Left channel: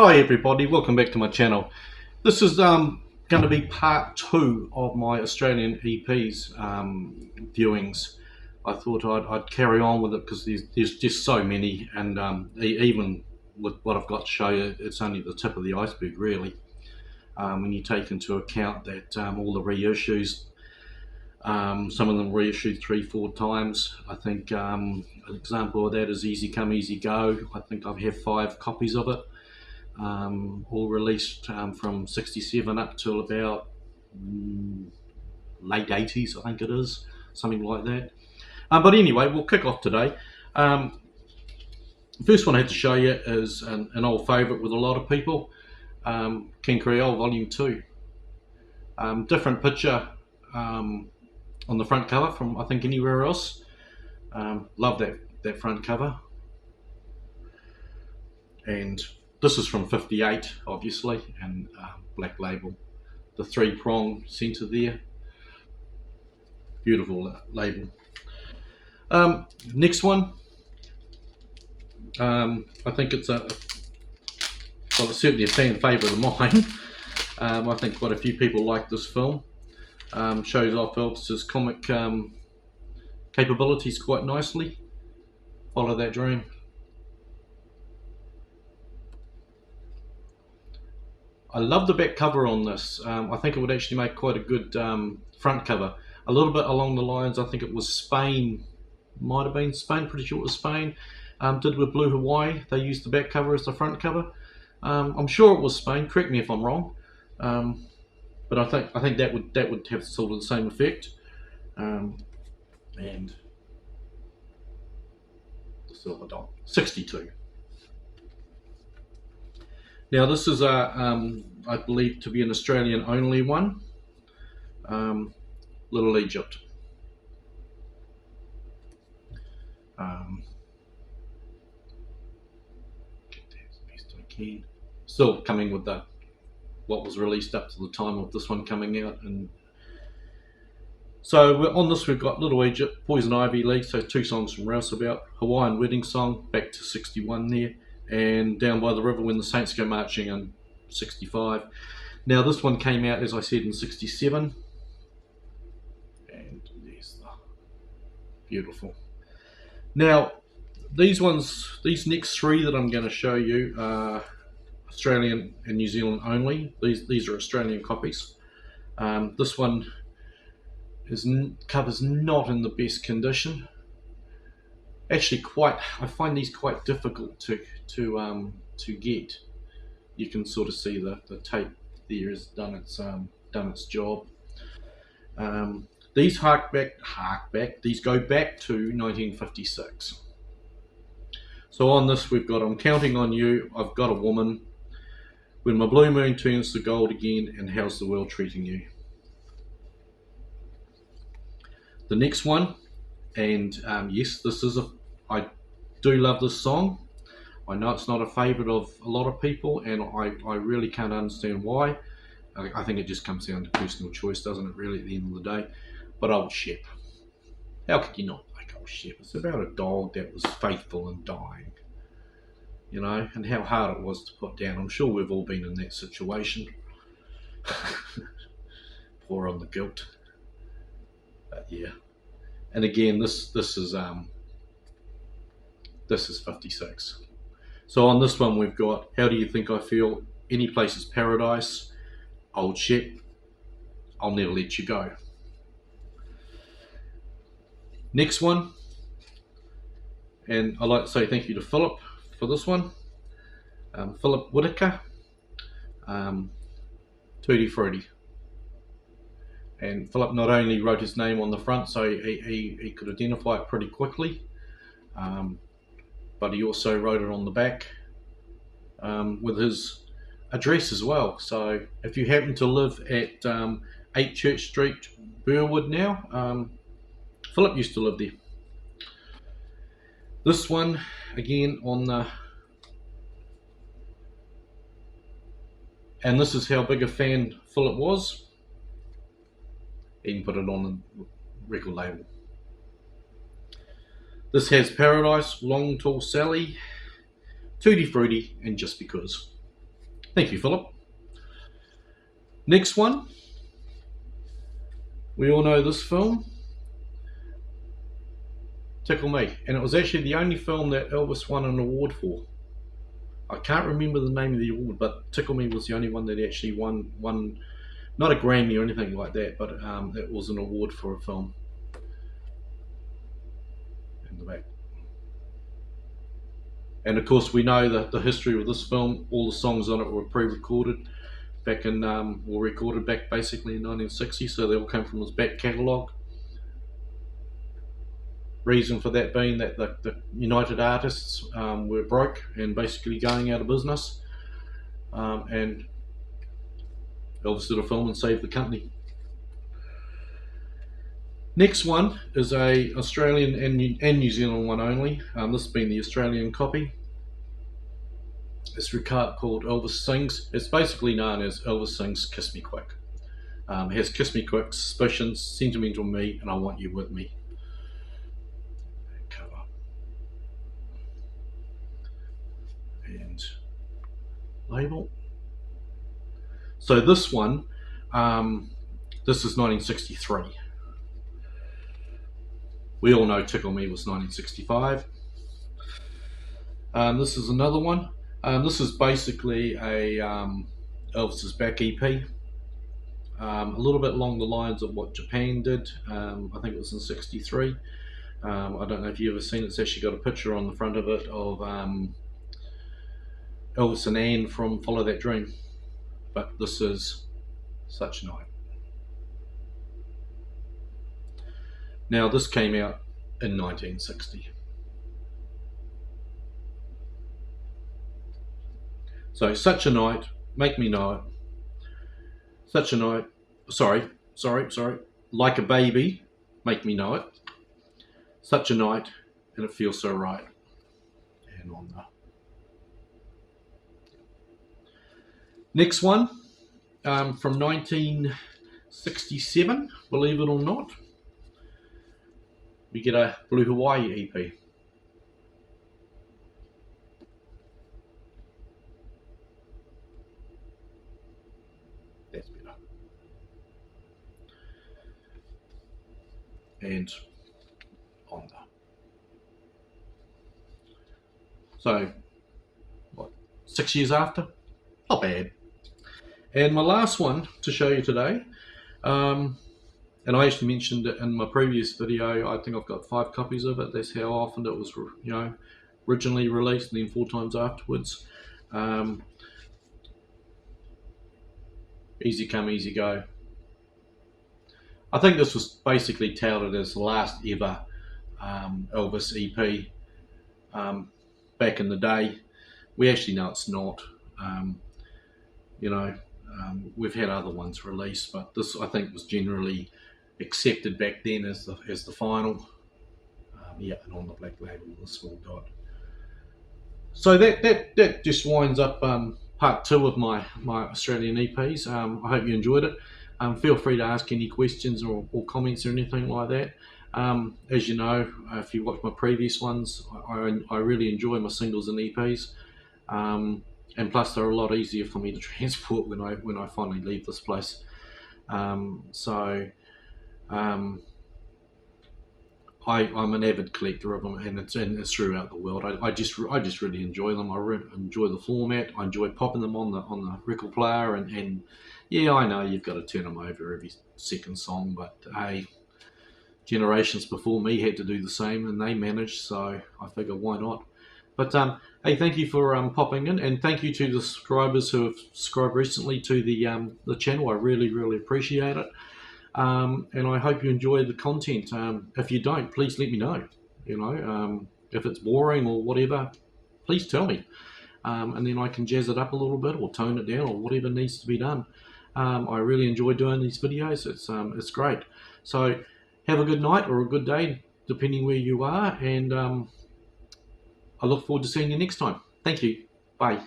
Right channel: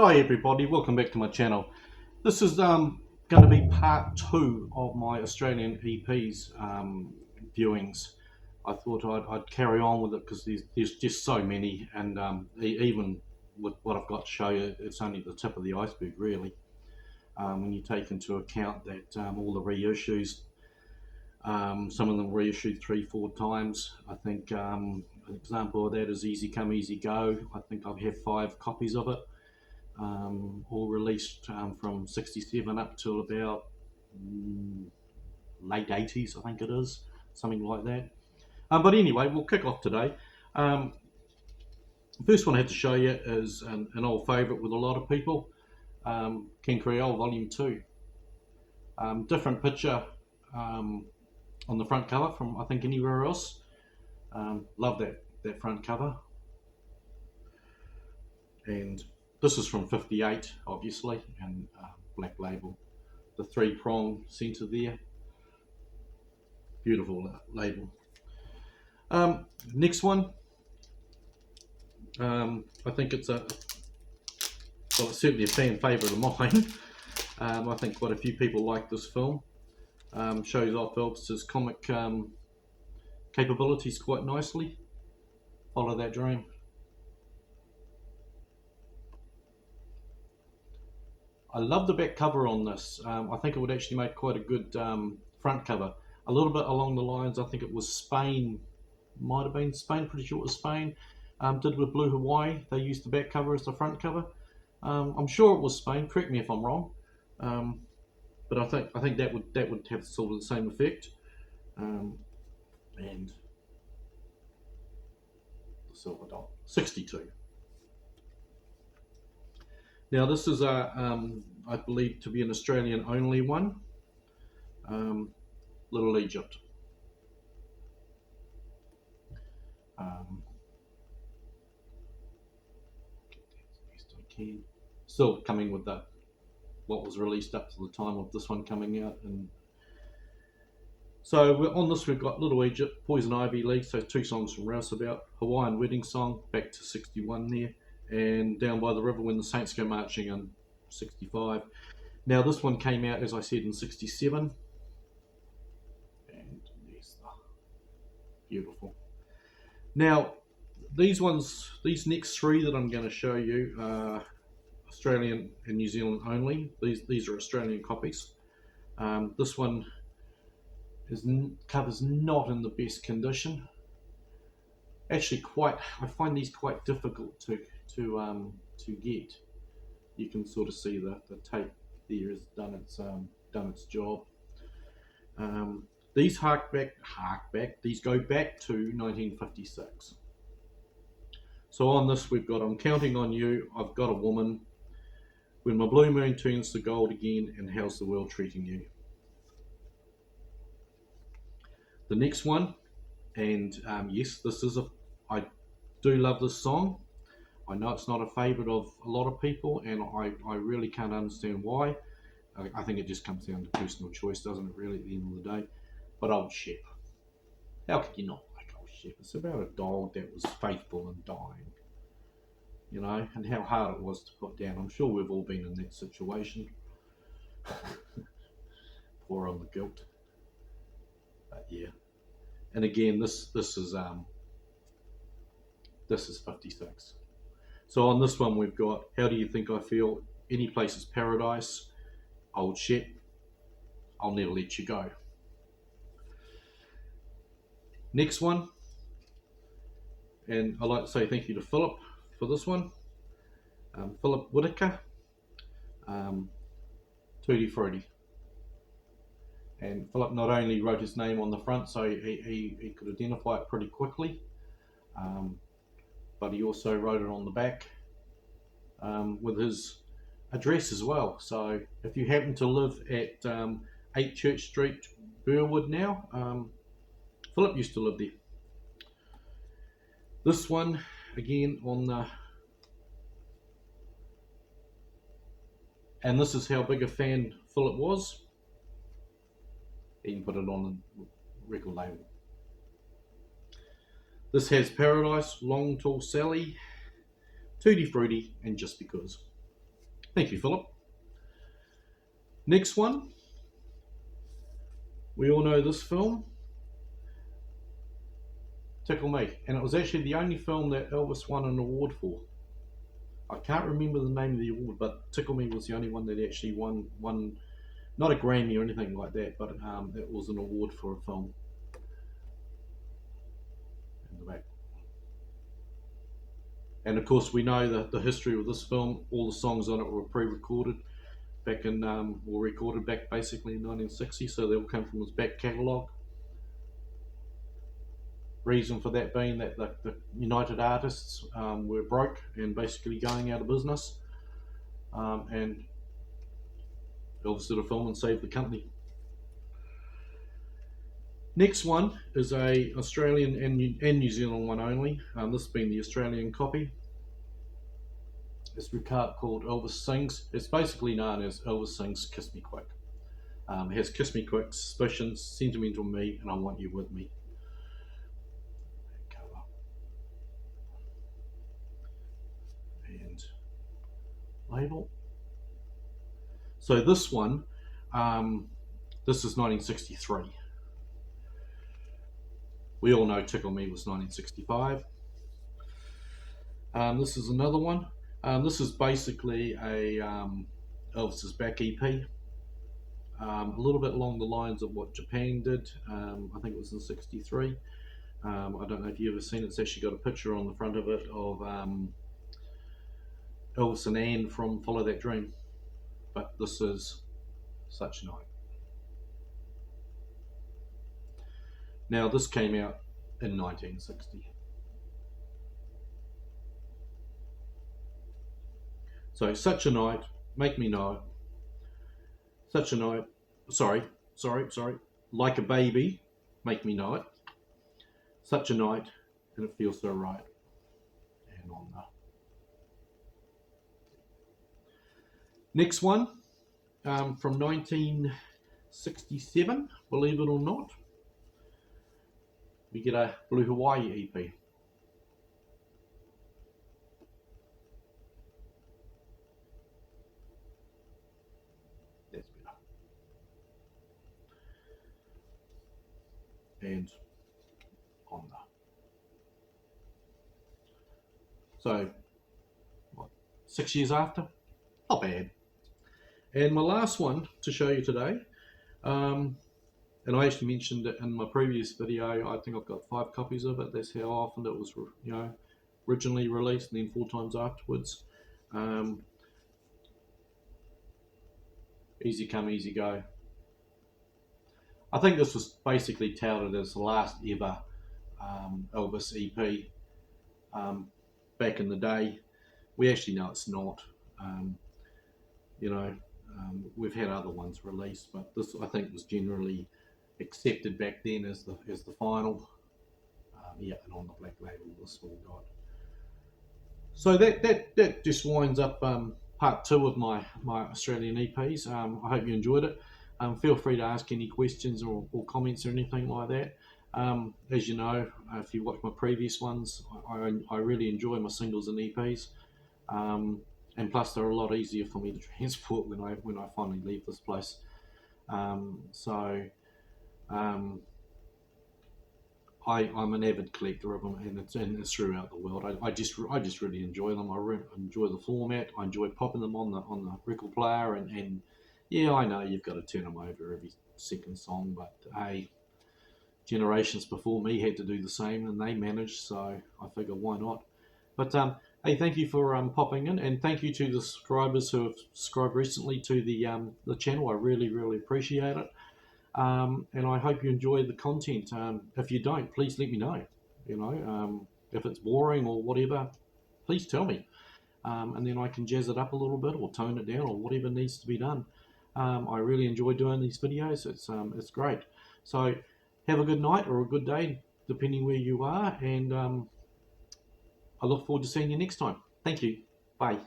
Hi everybody, welcome back to my channel. This is going to be part 2 of my Australian EPs viewings. I thought I'd carry on with it because there's just so many, and even with what I've got to show you, it's only the tip of the iceberg really. When you take into account that all the reissues, some of them reissued 3-4 times. I think an example of that is Easy Come Easy Go. I think I have 5 copies of it. All released from 67 up till about late 80s, I think it is, something like that. But anyway, we'll kick off today. The first one I have to show you is an old favourite with a lot of people, King Creole Volume 2. Different picture on the front cover from I think anywhere else. Love that front cover. And this is from 58 obviously, and Black Label. The 3-prong centre there, beautiful label. Next one, I think it's it's certainly a fan favourite of mine. I think quite a few people like this film. Shows off Elvis's comic capabilities quite nicely. Follow That Dream. I love the back cover on this. I think it would actually make quite a good front cover. A little bit along the lines, I think it was Spain, might have been Spain, pretty sure it was Spain, did with Blue Hawaii. They used the back cover as the front cover. I'm sure it was Spain, correct me if I'm wrong. But I think that would have sort of the same effect. And the Silver Dot, 62. Now this is I believe to be an Australian only one. Little Egypt. Get that as best I can. Still coming with what was released up to the time of this one coming out. And so on this we've got Little Egypt, Poison Ivy League, so 2 songs from Rouseabout, Hawaiian Wedding Song, back to 61 there, and Down by the River When the Saints Go Marching in 65. Now this one came out, as I said, in 67, and there's the beautiful. Now these next 3 that I'm going to show you are Australian and New Zealand only. These are Australian copies. This one cover's not in the best condition. Actually, I find these quite difficult to get. You can sort of see the tape there has done its job. These these go back to 1956. So on this we've got I'm Counting on You, I've Got a Woman, When My Blue Moon Turns to Gold Again, and How's the World Treating You. The next one, and yes, I do love this song. I know it's not a favourite of a lot of people, and I really can't understand why. I think it just comes down to personal choice, doesn't it, really, at the end of the day? But Old Shep. How could you not like Old Shep? It's about a dog that was faithful and dying, you know, and how hard it was to put down. I'm sure we've all been in that situation. Pour on the guilt. But yeah. And again, this is 56. So on this one we've got How Do You Think I Feel, Any Place Is Paradise, Old Shep, I'll Never Let You Go. Next one, and I'd like to say thank you to Philip for this one. Philip Whitaker, Tutti Frutti. And Philip not only wrote his name on the front, so he could identify it pretty quickly, but he also wrote it on the back with his address as well. So if you happen to live at 8 Church Street, Burwood now, Philip used to live there. This one, again, on the... And this is how big a fan Philip was. He can put it on the record label. This has Paradise, Long Tall Sally, Tutti Frutti, and Just Because. Thank you, Philip. Next one. We all know this film, Tickle Me, and it was actually the only film that Elvis won an award for. I can't remember the name of the award, but Tickle Me was the only one that actually won not a Grammy or anything like that, but it was an award for a film. In the back. And of course, we know that the history of this film. All the songs on it were pre-recorded back in, were recorded back basically in 1960, so they all came from his back catalogue. Reason for that being that the United Artists were broke and basically going out of business, and Elvis did a film and saved the company. Next one is a Australian and New Zealand one only. This being the Australian copy. It's called Elvis Sings. It's basically known as Elvis Sings Kiss Me Quick. It has Kiss Me Quick, Suspicions, Sentimental Me, and I Want You With Me. Cover. And label. So this one, this is 1963. We all know Tickle Me was 1965. This is another one. This is basically a Elvis's back EP. A little bit along the lines of what Japan did. I think it was in '63. I don't know if you've ever seen it. It's actually got a picture on the front of it of Elvis and Anne from Follow That Dream. But this is Such a Night. Now, this came out in 1960. So, Such a Night, Make Me Know It. Such a Night, sorry, Like a Baby, Make Me Know It. Such a Night, and It Feels So Right. And on the next one, from 1967, believe it or not, we get a Blue Hawaii EP. That's better. And on the. So, what, 6 years after? Not bad. And my last one to show you today, and I actually mentioned it in my previous video. I think I've got 5 copies of it. That's how often it was, originally released, and then 4 times afterwards. Easy Come, Easy Go. I think this was basically touted as the last ever Elvis EP back in the day. We actually know it's not. We've had other ones released, but this, I think, was generally accepted back then as the final. And on the black label, the small dot. So that just winds up part 2 of my Australian EPs. I hope you enjoyed it. Feel free to ask any questions or comments or anything like that. As you know, if you watched my previous ones, I really enjoy my singles and EPs. And plus, they're a lot easier for me to transport when I finally leave this place. I'm an avid collector of them, and it's throughout the world. I just really enjoy them. I enjoy the format. I enjoy popping them on the record player, and yeah, I know you've got to turn them over every second song, but hey, generations before me had to do the same, and they managed, so I figure why not. But hey, thank you for popping in, and thank you to the subscribers who have subscribed recently to the channel. I really appreciate it. And I hope you enjoy the content. If you don't, please let me know. If it's boring or whatever, please tell me. And then I can jazz it up a little bit or tone it down or whatever needs to be done. I really enjoy doing these videos. It's great. So have a good night or a good day, depending where you are. And I look forward to seeing you next time. Thank you. Bye.